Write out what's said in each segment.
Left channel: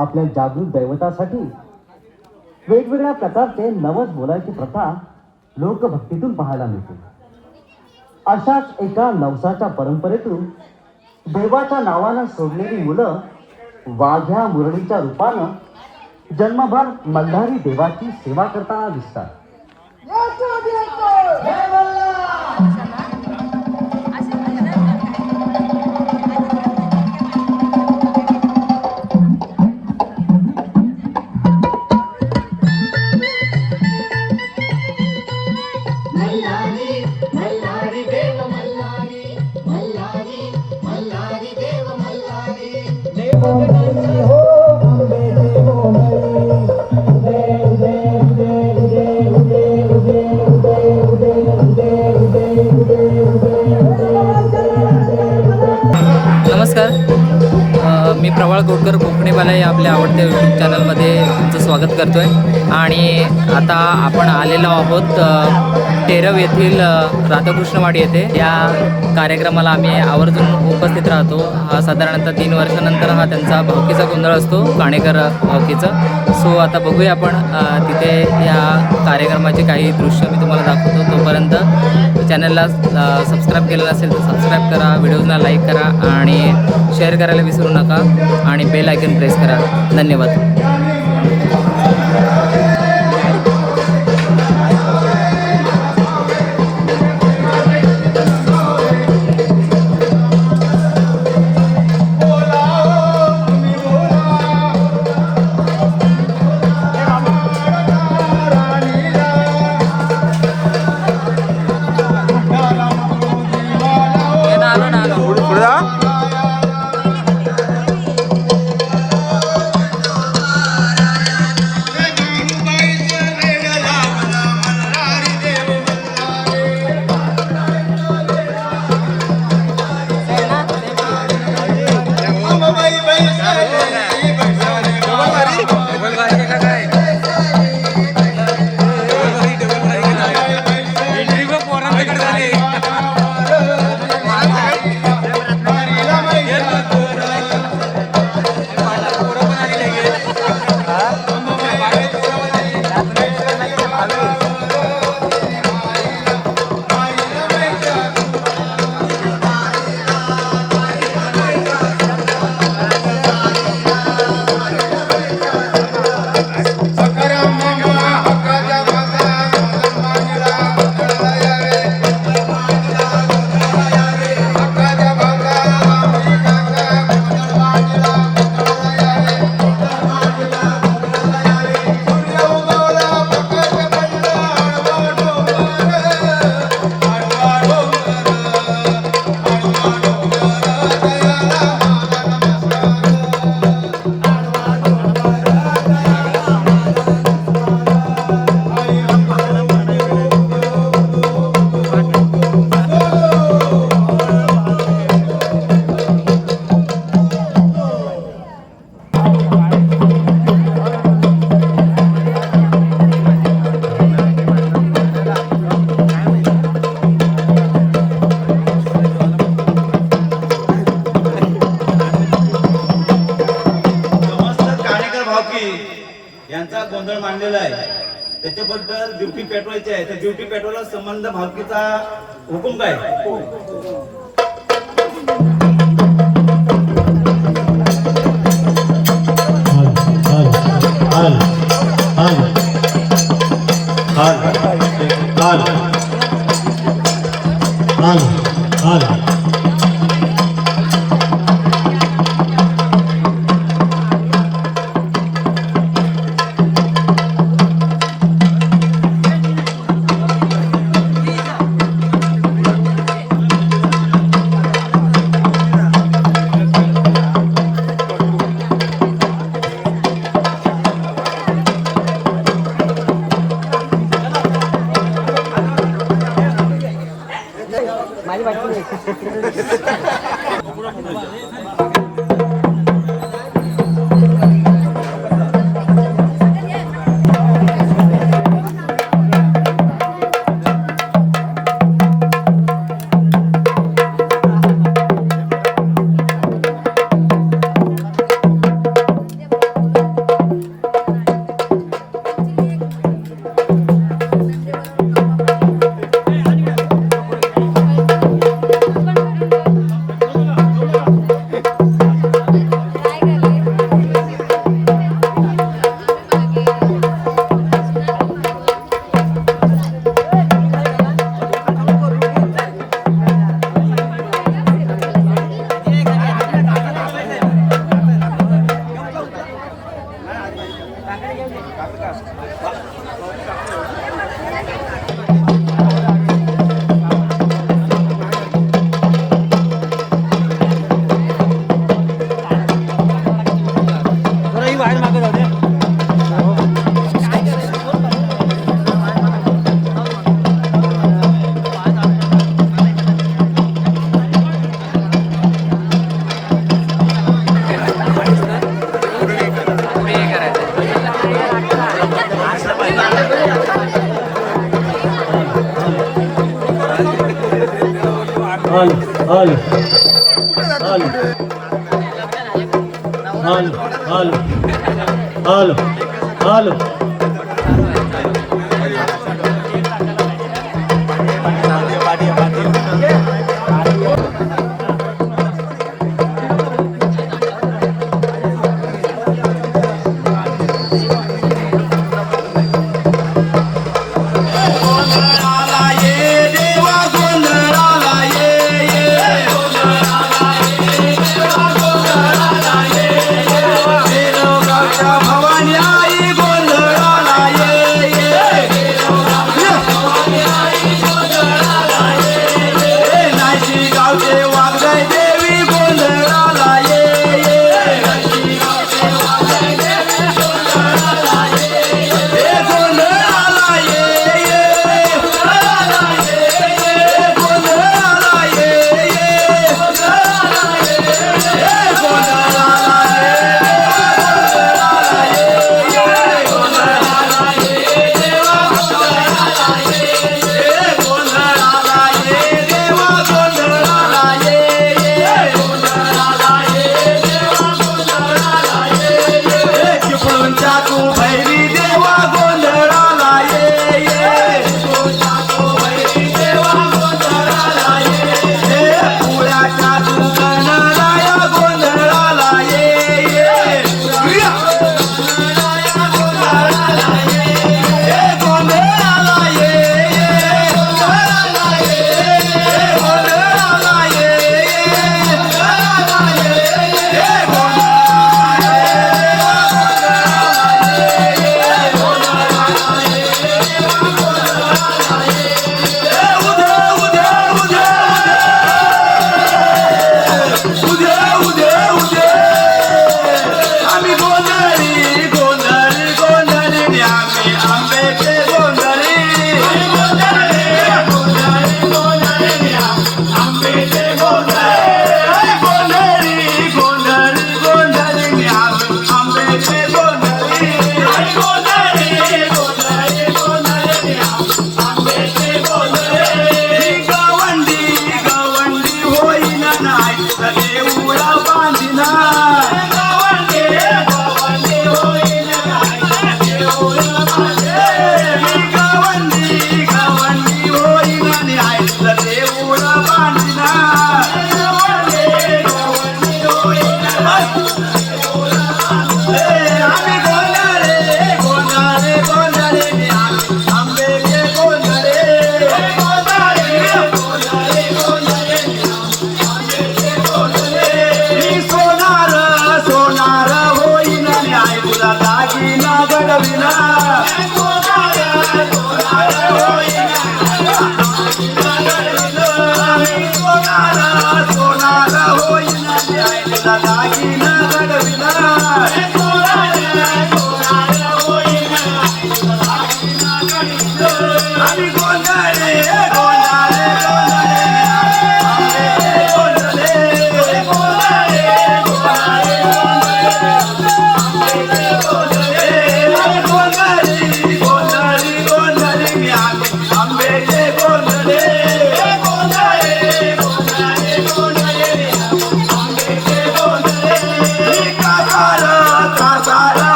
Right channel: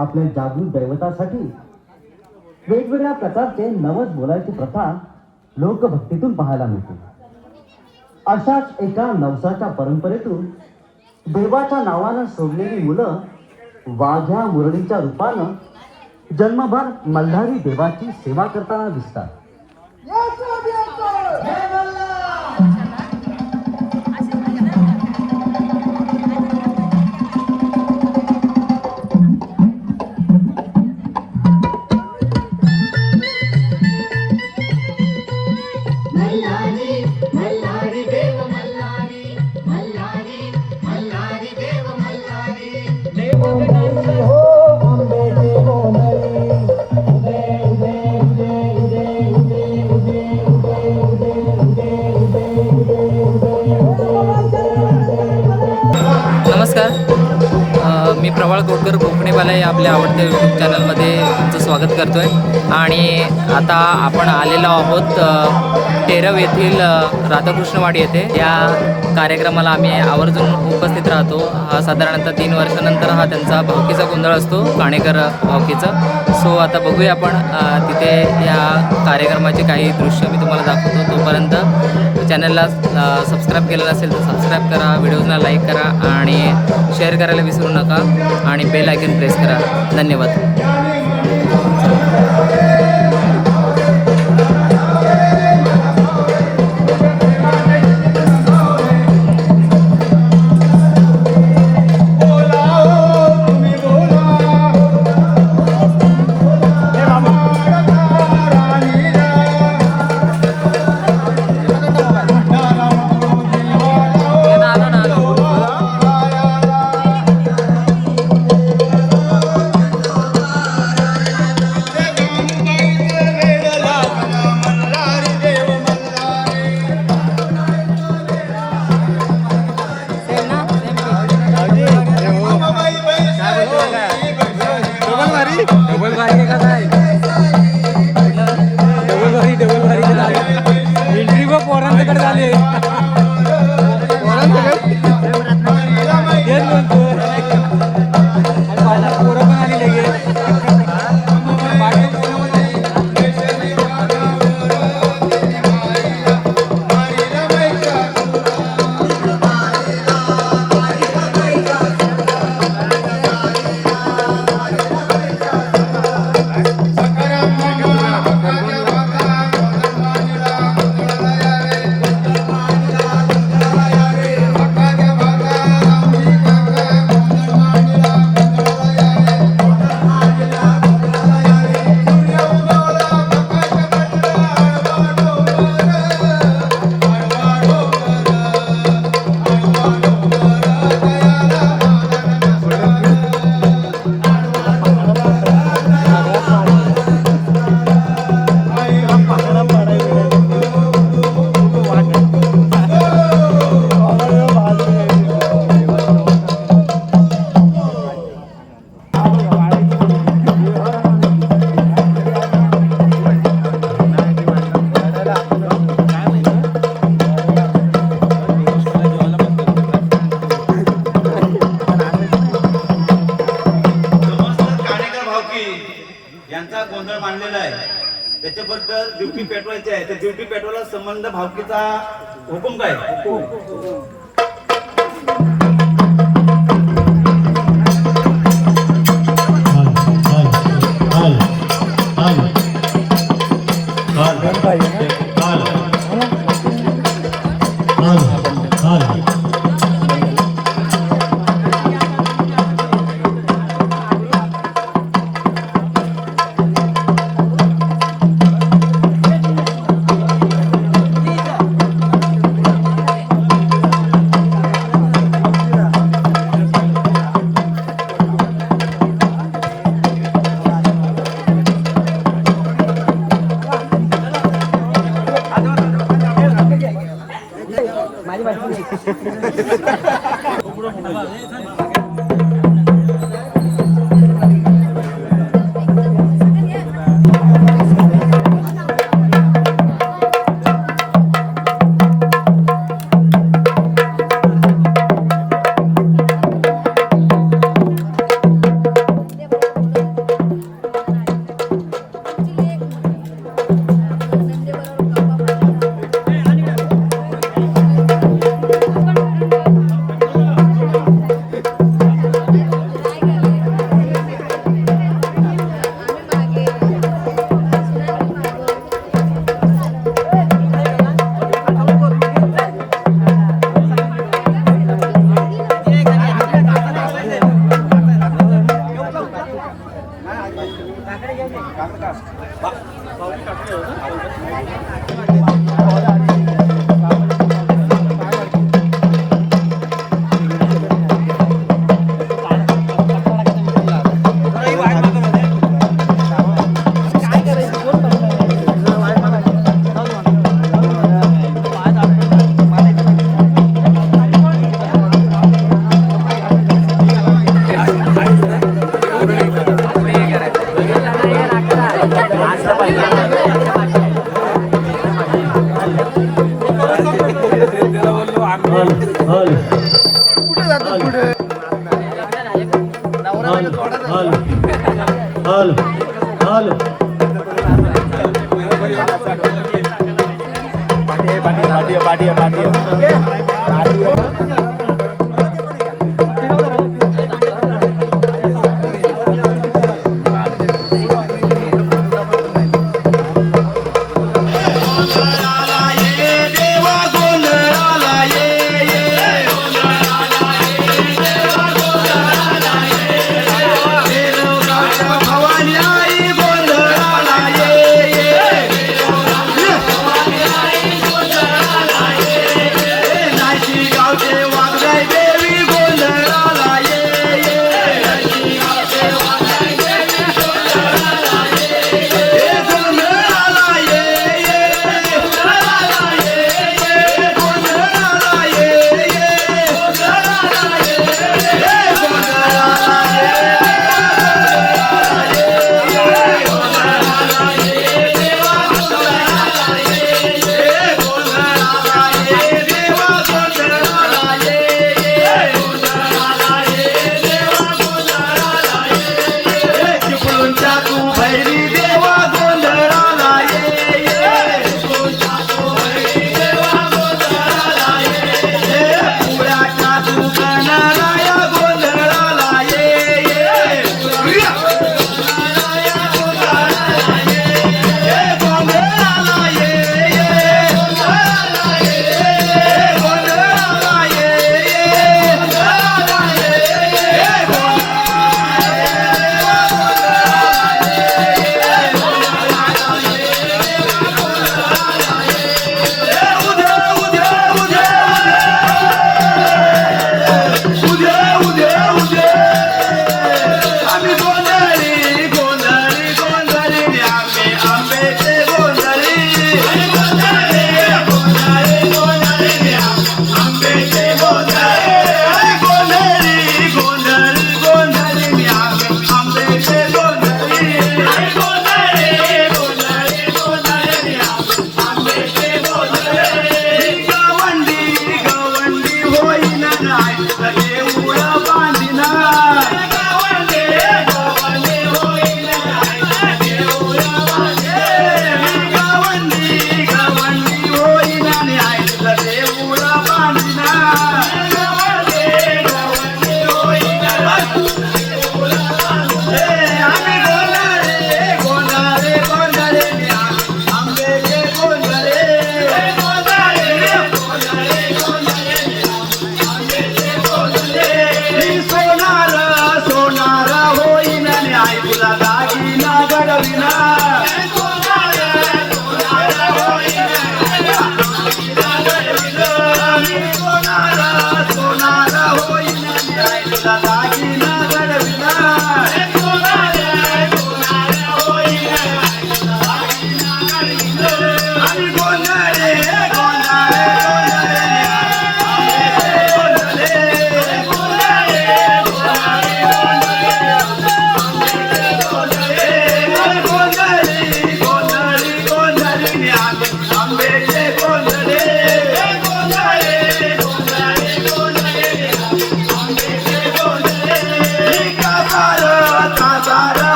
आपल्या जागृत दैवतासाठी वेगवेगळ्या प्रकारचे नवस बोलायची प्रथा लोकभक्तीतून पाहायला मिळते. अशाच एका नवसाच्या परंपरेतून देवाच्या नावानं सोडलेली मुलं वाघ्या मुरळीच्या रूपानं जन्मभर मल्हारी देवाची सेवा करताना दिसतात. अ, कोटकर कोकणीवाला या आपल्या आवडत्या यूट्यूब चॅनलमध्ये तुमचं स्वागत करतो आहे आणि आता आपण आलेलो आहोत टेरव येथील राधाकृष्णवाडी येथे. या कार्यक्रमाला आम्ही आवर्जून उपस्थित राहतो. हा साधारणतः तीन वर्षानंतर हा त्यांचा भावकीचा गोंधळ असतो काणेकर भावकीचा. सो आता बघूया आपण तिथे या कार्यक्रमाचे काही दृश्य मी तुम्हाला दाखवतो. तोपर्यंत चॅनलला सबस्क्राईब केलं नसेल तर सबस्क्राईब करा व्हिडिओजना लाईक करा आणि शेअर करायला विसरू नका आणि बेल आयकन प्रेस करा. धन्यवाद. पेट्रोलला संबंध भावकीचा हुकुम काय? Thank you. हल हल हल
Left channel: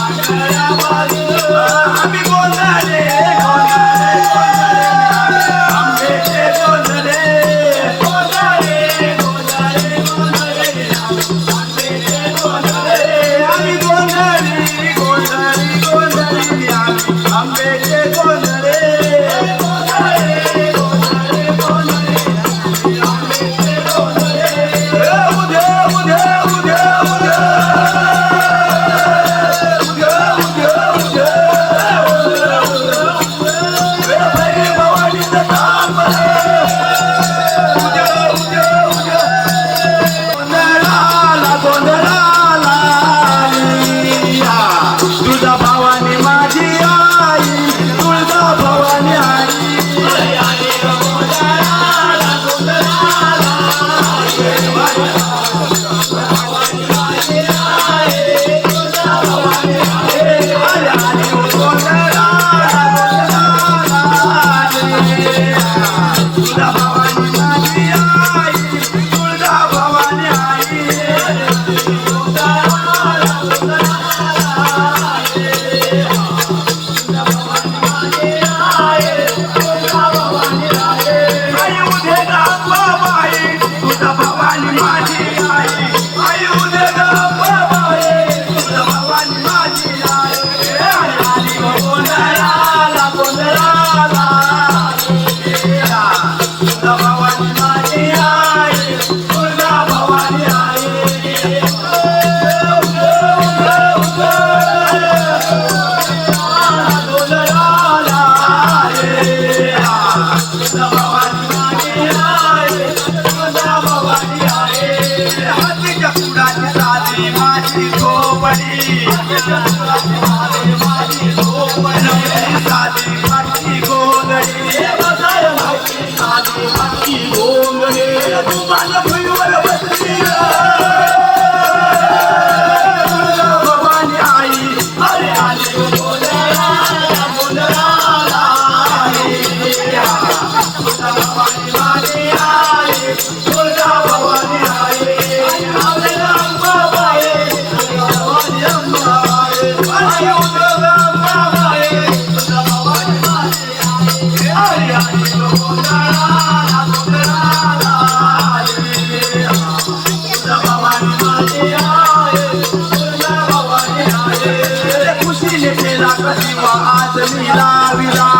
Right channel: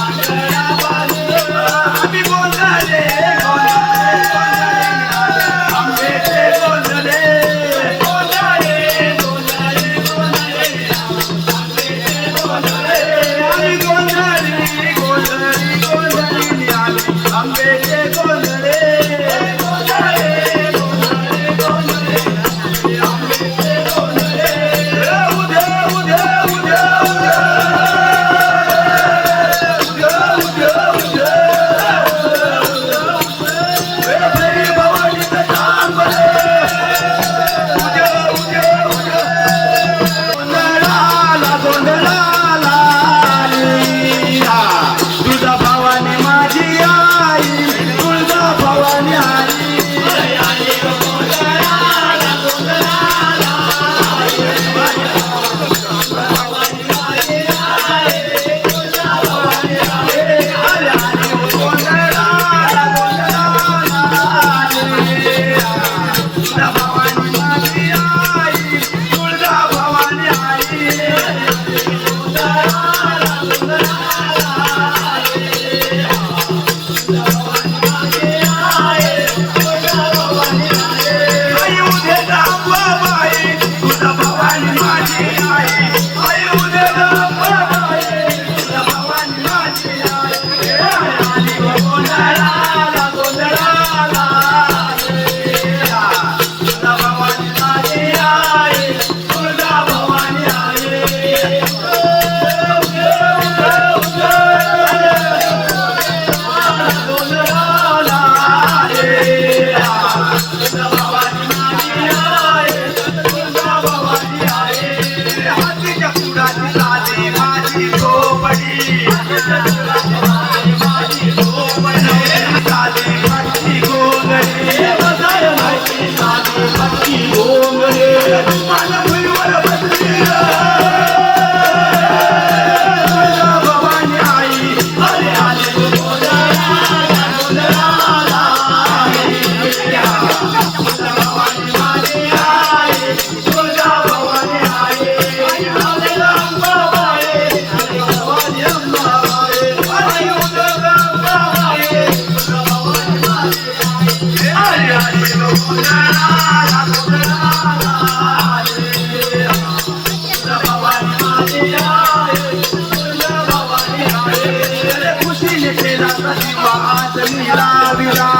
Thank you. हल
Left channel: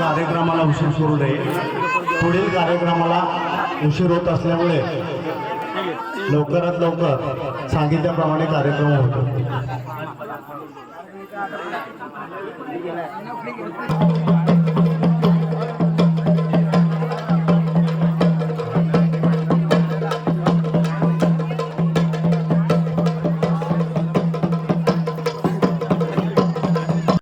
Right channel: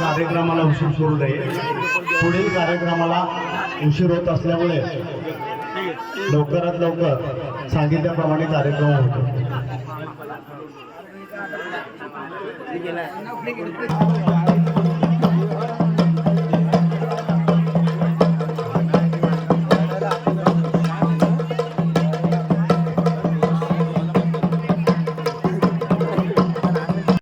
कार्यक्रमाला उशीर करू नये पुढील कार्यक्रमाला उशीर होत असल्यामुळे लवकरात लवकर सांगितल्याप्रमाणे कार्यक्रम होतो.